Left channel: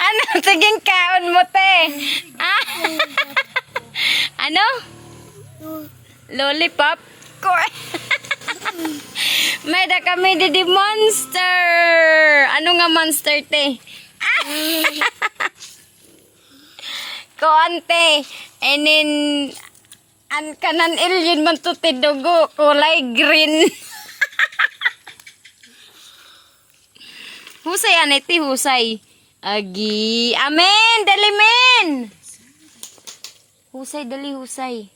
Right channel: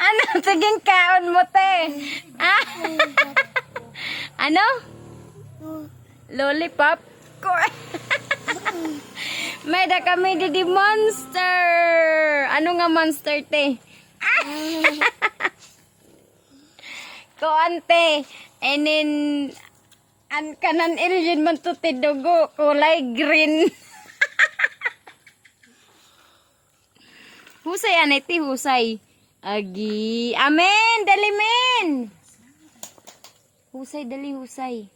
Ano? Tiging kaon mo, te. Ah? Ano? Lollipop? May da kami di monster. Ano nga monster, te? Ah! Koante. And then, an kanan alien man to te dugo. Kulay green. Husay aneti, husay. Agi. Amen. Dali, men. Husay, dali, husay.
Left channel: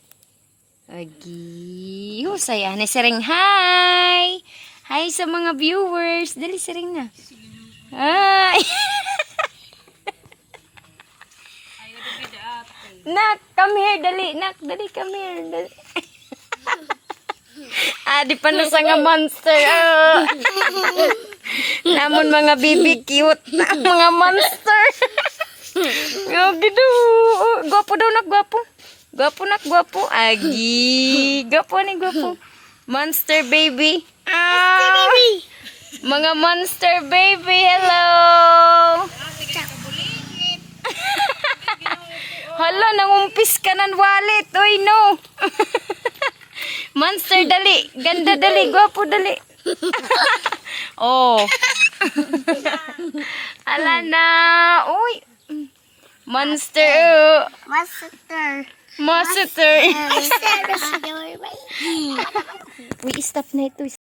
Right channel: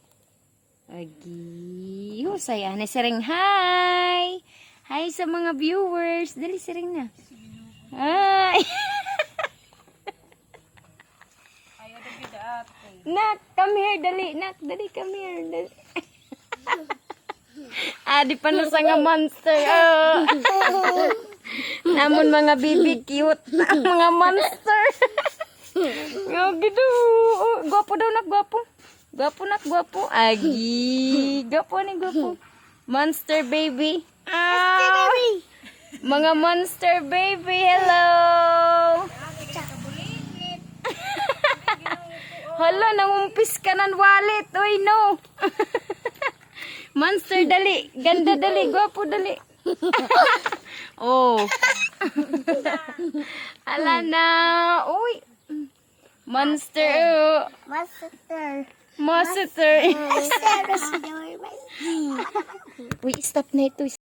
Agi. Husay, ane. Sering, hi. Hi sa mga viewers. Dali, sering na. Hi. Nak, come here, dali. Nak, dali, come here. Dali. Di pa na sa nga monster. Namun mga bibi cute na mga monster. Oh, gitu. Gwapo daw nak, gwapo. Gwapo nak, gwapo. Agi. Gwapo ni, gwapo. Monster baby. Monster baby. Mga monster baby, hello. Hala, nangumpis ka ng wallet. Oy, no. Monster, dali. Ganda, dali. Gwapo, dali. Oh. Ala na. Uy. Monster. Monster. Monster. Monster. Uy, stop na ito.